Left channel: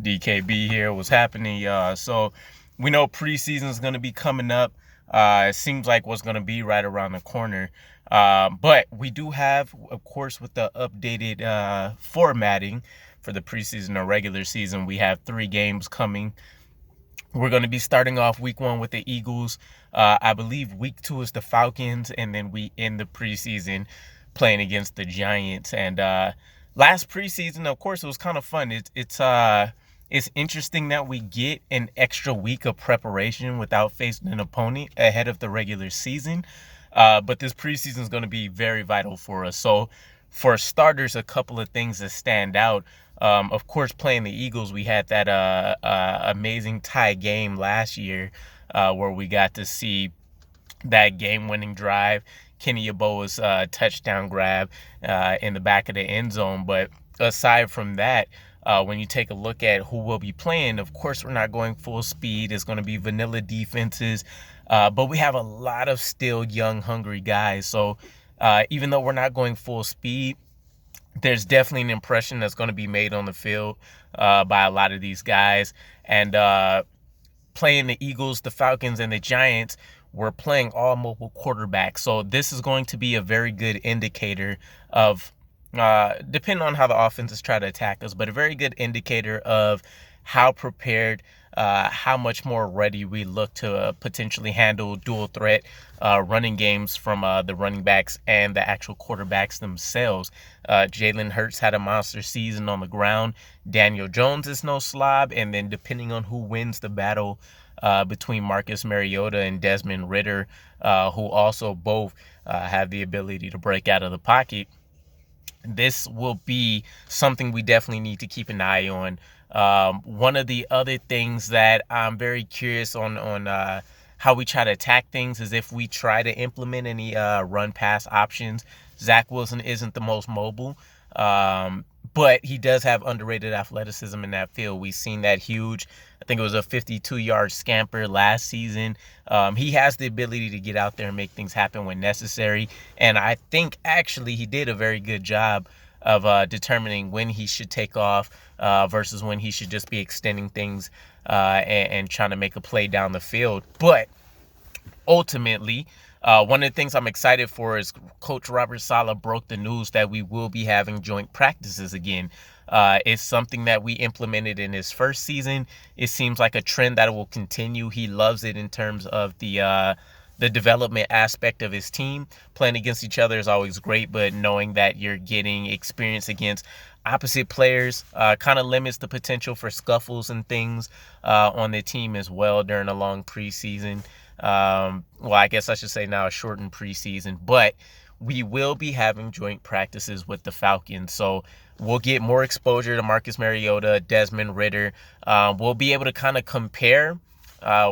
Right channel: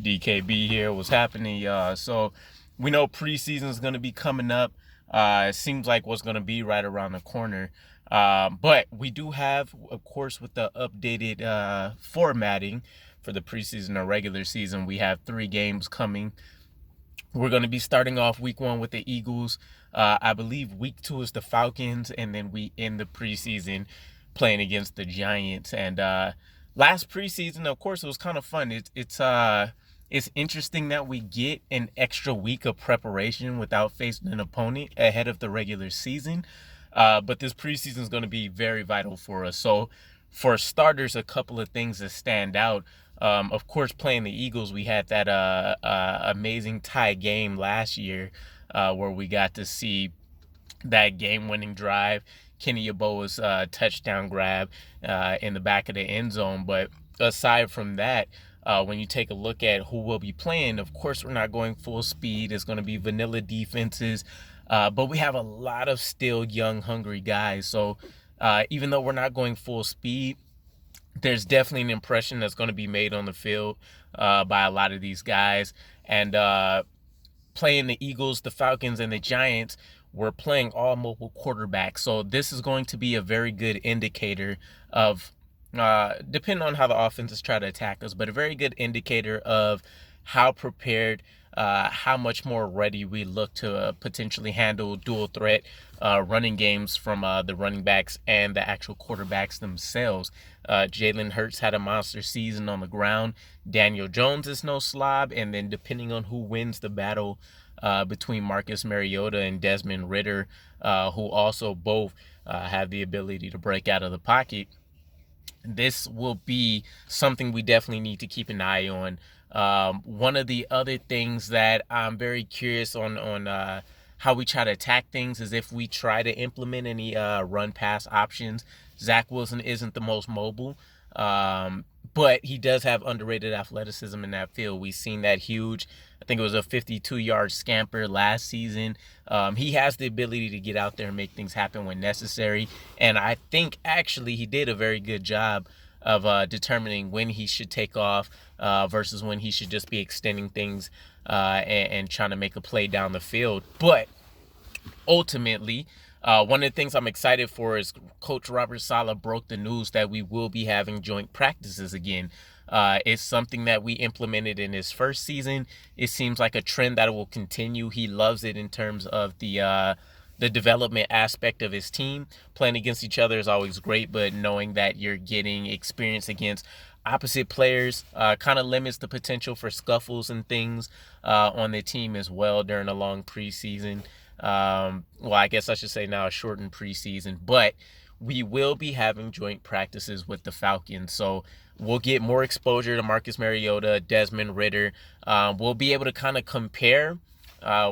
DKB here. What's happening, y'all? So we know preseason is going to be coming up. It seems like what's going to be right around the corner. But we do have, of course, with the updated formatting for the preseason or regular season, we have 3 games coming. We're going to be starting off week 1 with the Eagles. I believe week 2 is the Falcons, and then we end the preseason playing against the Giants. And last preseason, of course, it was kind of fun. It's interesting that we get an extra week of preparation without facing an opponent ahead of the regular season. But this preseason is going to be very vital for us. So for starters, a couple of things that stand out. Of course, playing the Eagles, we had that amazing tie game last year where we got to see that game-winning drive, Kenny Yeboah's touchdown grab in the back of the end zone. But aside from that, when you take a look at who will be playing, of course, we're not going full speed. It's going to be vanilla defenses. But we have a lot of still young, hungry guys. So even though we're not going full speed, there's definitely an impression that's going to be made on the field by a lot of these guys. And playing the Eagles, the Falcons, and the Giants, we're playing all mobile quarterbacks. So this is going to be a very good indicator of, depending on how the offenses try to attack us, but a very good indicator of how prepared, how much more ready we look to potentially handle dual threat running games from the running backs and the actual quarterbacks themselves. Jalen Hurts had a monster season on the ground. Daniel Jones is no slob. And then depending on who wins the battle between Marcus Mariota and Desmond Ridder, who also both have the ability to break out of the pocket, this will be something we definitely need to keep an eye on. One of the other things that I'm very curious on how we try to attack things is if we try to implement any run-pass options. Zach Wilson isn't the most mobile, but he does have underrated athleticism in that field. We've seen that huge, I think it was a 52-yard scamper last season. He has the ability to get out there and make things happen when necessary. And I think actually he did a very good job of determining when he should take off versus when he should just be extending things and trying to make a play down the field. But ultimately, one of the things I'm excited for is Coach Robert Saleh broke the news that we will be having joint practices again. It's something that we implemented in his first season. It seems like a trend that will continue. He loves it in terms of the development aspect of his team. Playing against each other is always great, but knowing that you're getting experience against opposite players kind of limits the potential for scuffles and things on the team as well during a long preseason. Well, I guess I should say now a shortened preseason, but we will be having joint practices with the Falcons. So we'll get more exposure to Marcus Mariota, Desmond Ridder. We'll be able to kind of compare,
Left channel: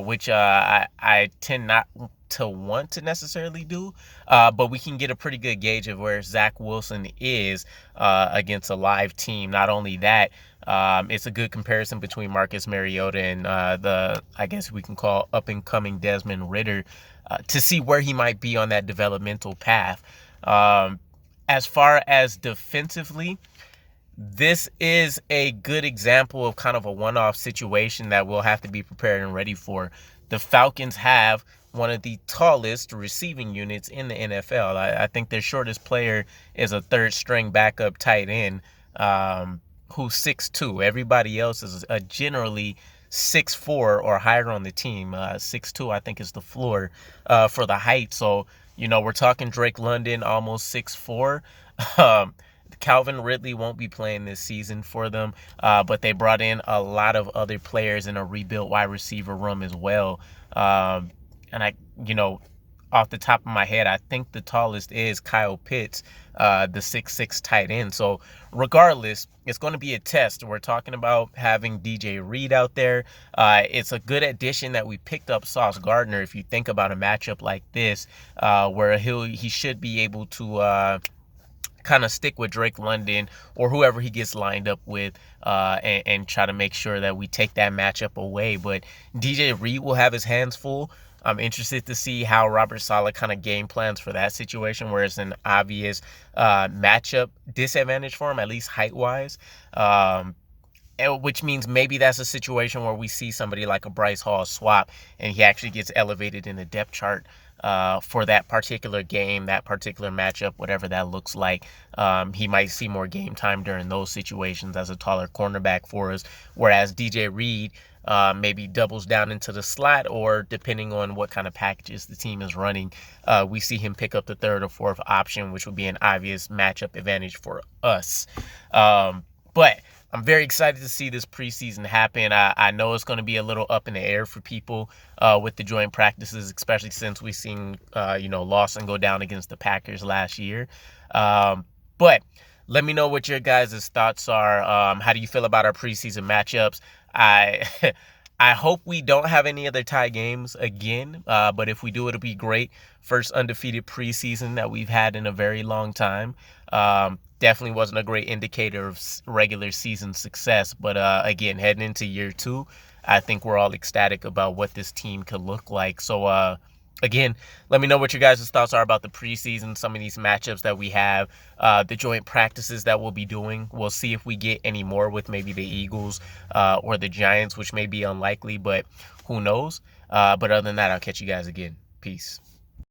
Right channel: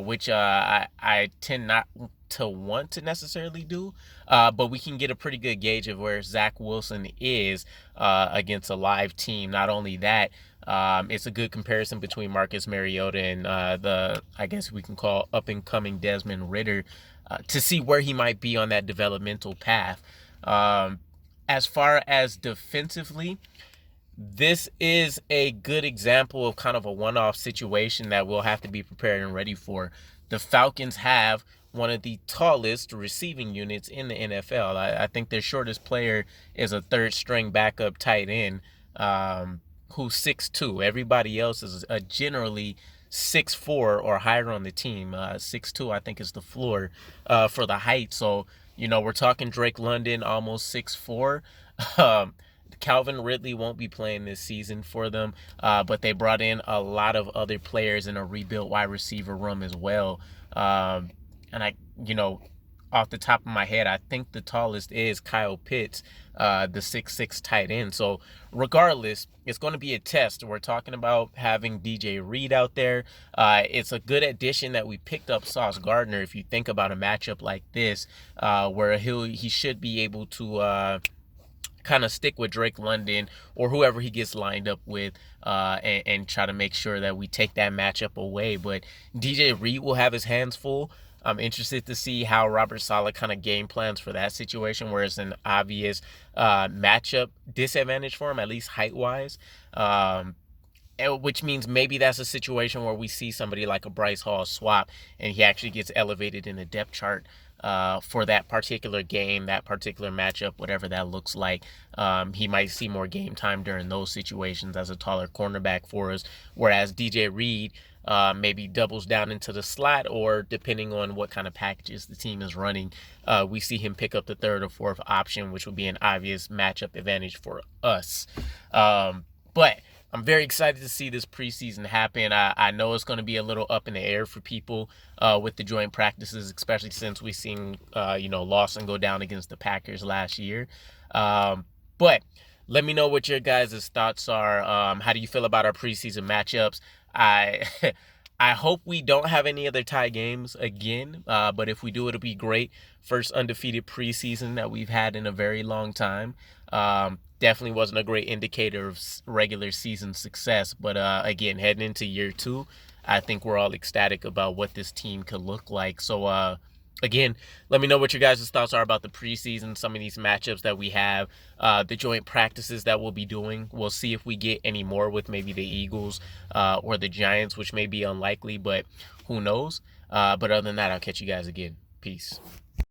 which I tend not to want to necessarily do, but we can get a pretty good gauge of where Zach Wilson is against a live team. Not only that, it's a good comparison between Marcus Mariota and I guess we can call up-and-coming Desmond Ridder to see where he might be on that developmental path. As far as defensively, this is a good example of kind of a one-off situation that we'll have to be prepared and ready for. The Falcons have one of the tallest receiving units in the NFL. I think their shortest player is a third-string backup tight end who's 6'2". Everybody else is generally 6'4" or higher on the team. 6'2", I think, is the floor for the height. So, we're talking Drake London, almost 6'4". Calvin Ridley won't be playing this season for them, but they brought in a lot of other players in a rebuilt wide receiver room as well. And off the top of my head, I think the tallest is Kyle Pitts, the 6'6" tight end. So regardless, it's going to be a test. We're talking about having DJ Reed out there. It's a good addition that we picked up Sauce Gardner. If you think about a matchup like this, where he should be able to kind of stick with Drake London or whoever he gets lined up with and try to make sure that we take that matchup away. But DJ Reed will have his hands full. I'm interested to see how Robert Saleh kind of game plans for that situation, where it's an obvious matchup disadvantage for him, at least height-wise. which means maybe that's a situation where we see somebody like a Bryce Hall swap and he actually gets elevated in the depth chart for that particular game, that particular matchup, whatever that looks like. He might see more game time during those situations as a taller cornerback for us, whereas DJ Reed maybe doubles down into the slot, or depending on what kind of packages the team is running, we see him pick up the third or fourth option, which would be an obvious matchup advantage for us. But I'm very excited to see this preseason happen. I know it's going to be a little up in the air for people with the joint practices, especially since we've seen, Lawson go down against the Packers last year. But let me know what your guys' thoughts are. How do you feel about our preseason matchups? I I hope we don't have any other tie games again, but if we do, it'll be great. First undefeated preseason that we've had in a very long time. Definitely wasn't a great indicator of regular season success, but again, heading into year 2, I think we're all ecstatic about what this team could look like. So again, let me know what your guys' thoughts are about the preseason, some of these matchups that we have, the joint practices that we'll be doing. We'll see if we get any more with maybe the Eagles or the Giants, which may be unlikely, but who knows. But other than that, I'll catch you guys again. Peace.